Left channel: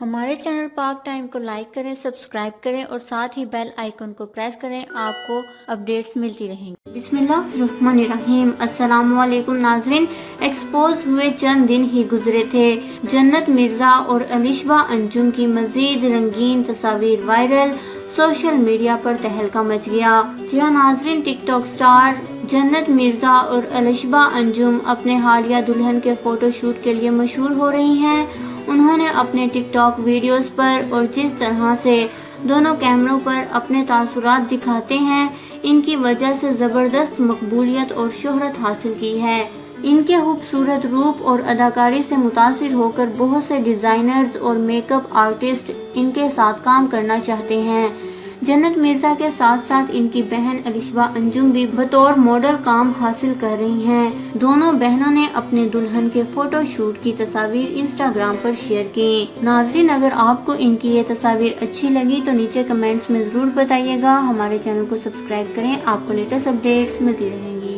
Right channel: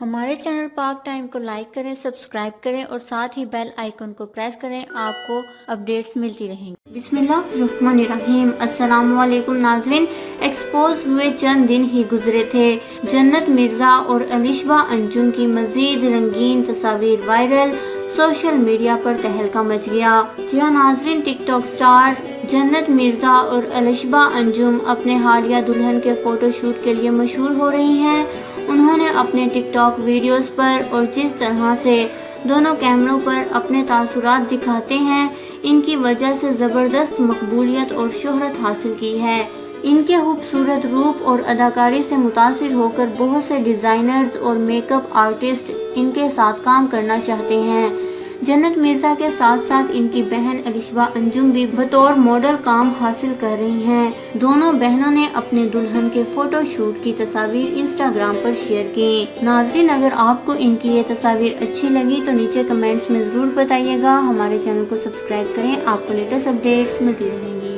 हमारे चैनल पाक टाइम को लाइक करें, सब्सक्राइब करें और साथ ही बेल आइकन को प्रेस करें। आपको अपडेट्स मिलती रहेंगी। बिस्मिल्लाहिर्रहमानिर्रहीम। अस्सलाम वालेकुम नाज़रीन। एक्सपोज हुए चंद दिन ही गुजरे थे। जन्नत मिर्ज़ा और अलिशबा अंजुम की मजीद रंगीन तस्वीर वायरल, सोशल मीडिया पर तहलका मच गया। जी हाँ नाज़रीन, टिकटॉक स्टार जन्नत मिर्ज़ा और अलिशबा अंजुम अपने हालिया दुल्हन के फोटोशूट के लिए मशहूर हो रही हैं। उन्होंने अपने टिकटॉक वीडियोस पर और जिस तरह से दोनों कैमरों पर अपने तासुरात दिखाते हैं, इनकी वजह से ज़बरदस्त मकबूलियत और शोहरत हासिल की है। इनके खूबसूरत रूप और अदाकारी से मुतासिर होकर बहुत से डिज़ाइनर्स और मेकअप आर्टिस्ट इनके साथ काम करना चाहते हैं। जन्नत मिर्ज़ा के साथ साथ इनकी बहन अलिशबा अंजुम भी बतौर मॉडल काम हासिल कर रही हैं। दोनों बहनों ने अपने दुल्हन के फोटो शूट की तस्वीर इंस्टाग्राम पर शेयर की। नाज़रीन, अगर आपको इनकी ये तस्वीर अच्छी लगी तो नीचे कमेंट्स में ज़रूर बताइएगा। हमारे चैनल को सब्सक्राइब करें, आपको लेटेस्ट अपडेट्स मिलती रहेंगी।